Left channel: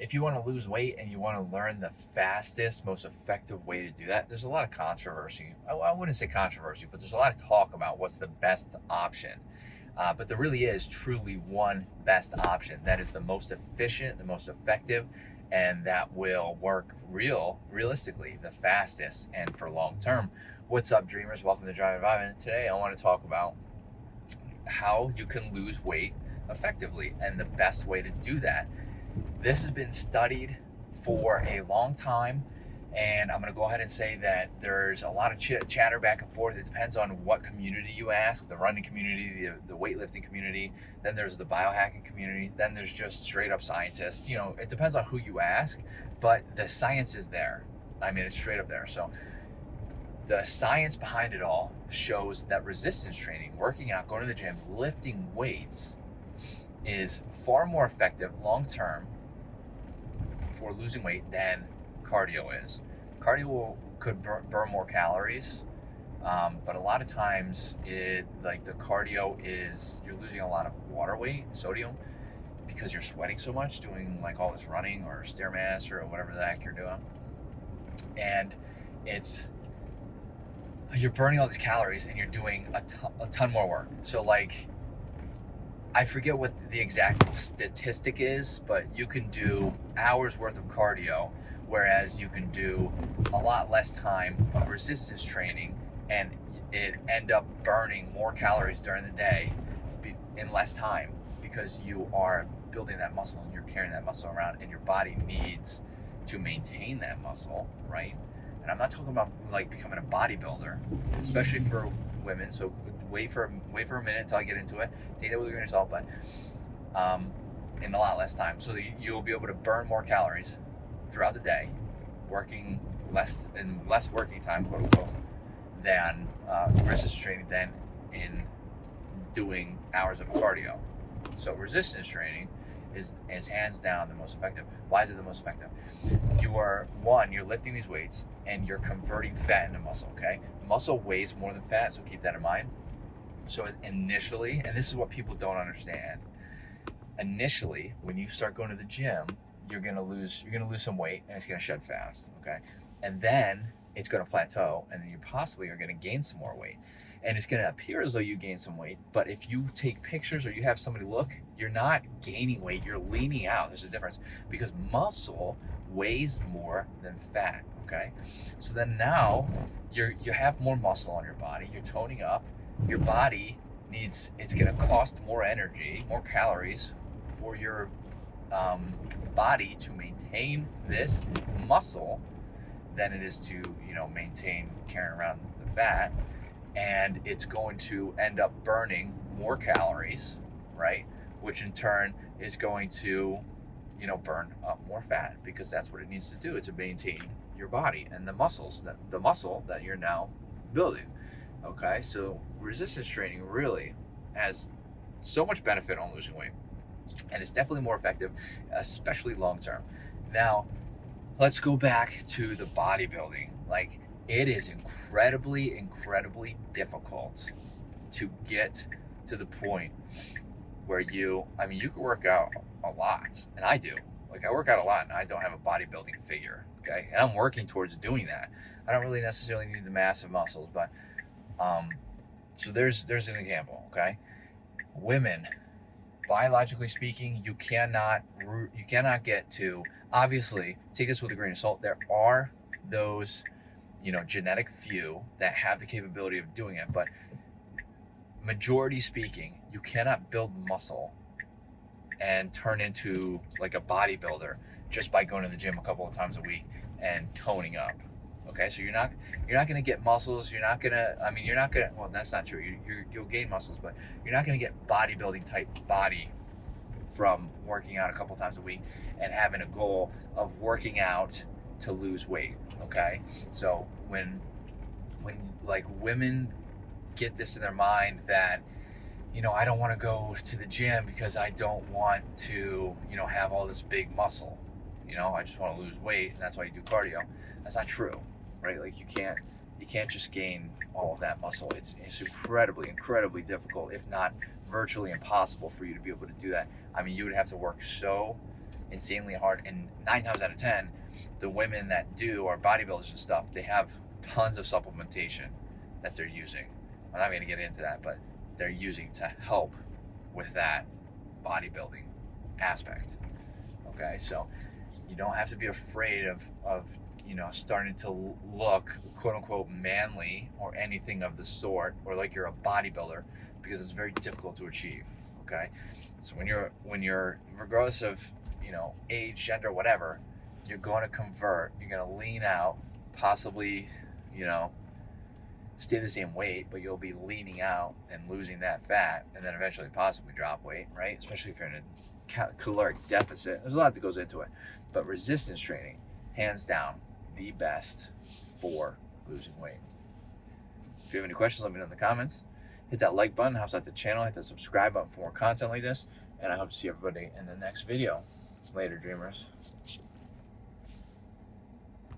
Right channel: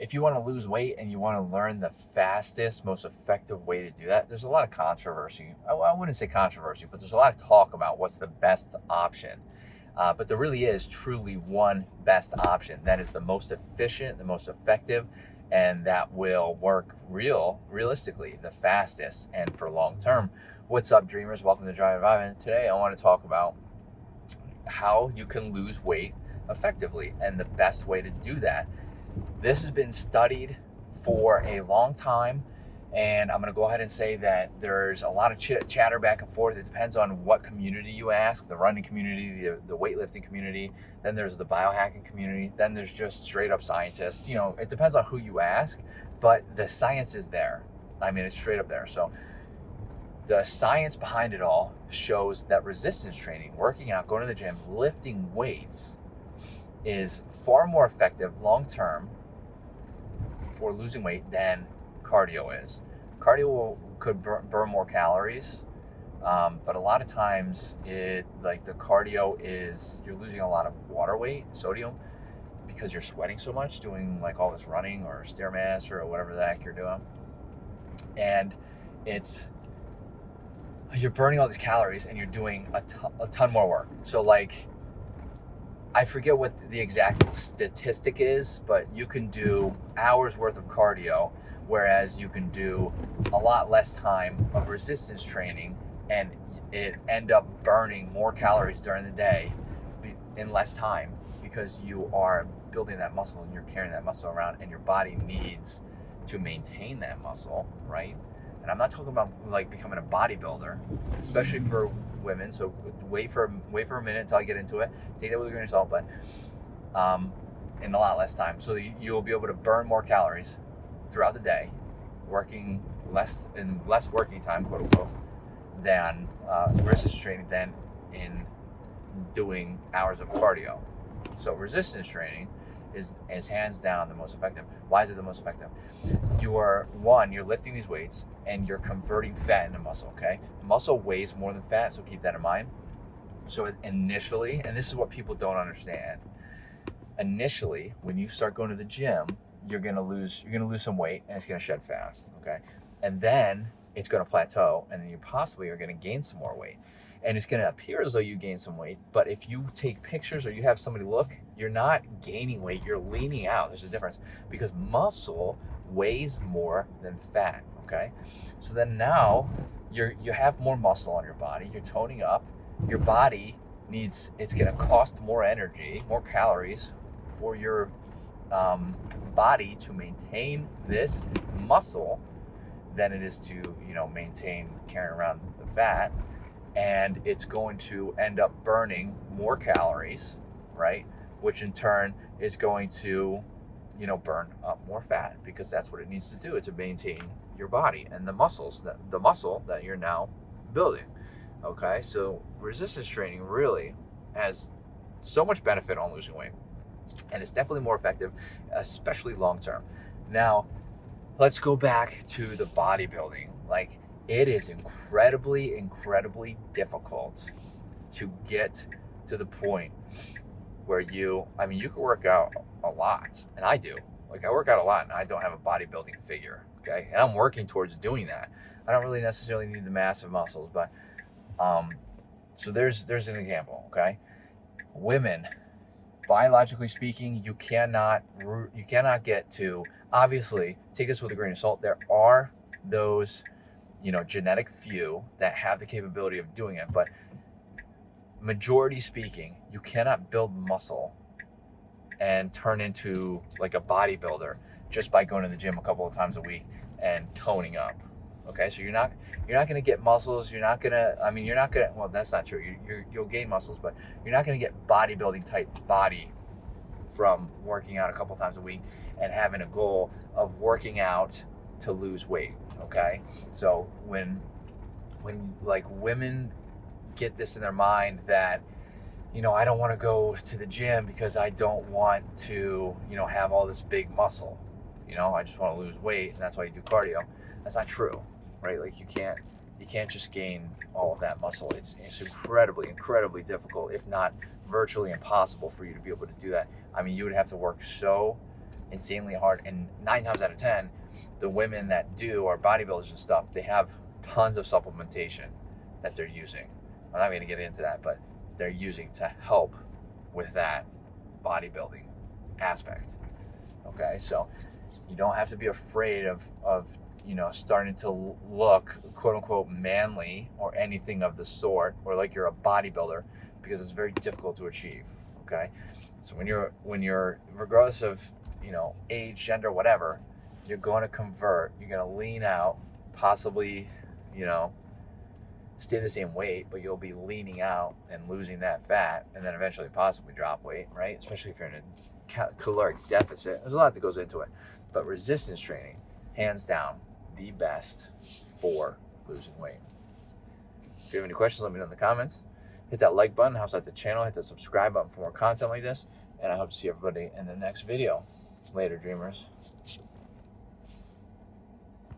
if you want to lose weight and you want to learn the fastest, most effective way to do that, there's a lot of controversy. I wouldn't say controversy, but there's a lot of talk about what's the best option. But there really is truly one best option that is the most efficient, the most effective, and that will work realistically the fastest and for long term. What's up, dreamers? Welcome to Drive Environment. Today I want to talk about how you can lose weight effectively and the best way to do that. This has been studied for a long time, and I'm going to go ahead and say that there's a lot of chatter back and forth. It depends on what community you ask, the running community, the weightlifting community, then there's the biohacking community, then there's just straight up scientists. It depends on who you ask, but the science is there. I mean, it's straight up there. So the science behind it all shows that resistance training, working out, going to the gym, lifting weights is far more effective long term for losing weight than cardio is. Could burn more calories, but a lot of times the cardio is you're losing a lot of water weight, sodium, because you're sweating so much doing like all this running or stairmaster or whatever the heck you're doing, and you're burning all these calories and you're doing a ton more work. So like, I forget what the exact statistic is, but you can do hours worth of cardio, whereas you can do a lot less time of resistance training, and it end up burning more calories during the day in less time, because you are building that muscle and you're carrying that muscle around, and your body needs to maintain that muscle, right? And I'm not talking about like becoming a bodybuilder, especially for women. So wait for a minute until I get into it. Take that with a grain of salt, but in a lot less time. So you'll be able to burn more calories throughout the day, working less working time, quote unquote, than resistance training than in doing hours of cardio. So resistance training is hands down the most effective. Why is it the most effective? You're lifting these weights and you're converting fat into muscle, okay? Muscle weighs more than fat, so keep that in mind. So initially, and this is what people don't understand, initially, when you start going to the gym, you're gonna lose some weight and it's gonna shed fast, okay? And then it's gonna plateau, and then you possibly are gonna gain some more weight. And it's going to appear as though you gain some weight, but if you take pictures or you have somebody look, you're not gaining weight, you're leaning out. There's a difference, because muscle weighs more than fat, okay? So then now you have more muscle on your body, you're toning up, your body it's going to cost more energy, more calories for your body to maintain this muscle than it is to, maintain carrying around the fat. And it's going to end up burning more calories, right? Which in turn is going to, burn up more fat, because that's what it needs to do to maintain your body and the muscle that you're now building. Okay, so resistance training really has so much benefit on losing weight, and it's definitely more effective, especially long term. Now, let's go back to the bodybuilding. Like, it is incredibly, incredibly difficult to get to the point where you can work out a lot, and I do. Like, I work out a lot, and I don't have a bodybuilding figure, okay? And I'm working towards doing that. I don't really necessarily need the massive muscles, but so there's an example, okay? Women, biologically speaking, you cannot get to. Obviously, take this with a grain of salt. There are those genetic few that have the capability of doing it, but majority speaking, you cannot build muscle and turn into like a bodybuilder just by going to the gym a couple of times a week and toning up. Okay, so you're not going to get muscles. Well, that's not true. You'll gain muscles, but you're not going to get bodybuilding type body from working out a couple times a week and having a goal of working out to lose weight. Okay, so when like women get this in their mind that I don't want to go to the gym because I don't want to have all this big muscle, I just want to lose weight, and that's why you do cardio. That's not true, right? Like, you can't just gain all of that muscle. It's incredibly, incredibly difficult, if not virtually impossible, for you to be able to do that. I mean, you would have to work so insanely hard. And 9 times out of 10, the women that do are bodybuilders and stuff, they have tons of supplementation that they're using. I'm not going to get into that, but they're using to help with that bodybuilding aspect. Okay, so you don't have to be afraid of starting to look quote unquote manly or anything of the sort, or like you're a bodybuilder, because it's very difficult to achieve. Okay, so when you're regardless of age, gender, whatever, you're going to convert. You're going to lean out, possibly stay the same weight, but you'll be leaning out and losing that fat, and then eventually possibly drop weight, right? Especially if you're in a caloric deficit. There's a lot that goes into it, but resistance training, hands down, the best for losing weight. If you have any questions, let me know in the comments. Hit that like button, helps out the channel. Hit the subscribe button for more content like this, and I hope to see everybody in the next video. Later, dreamers.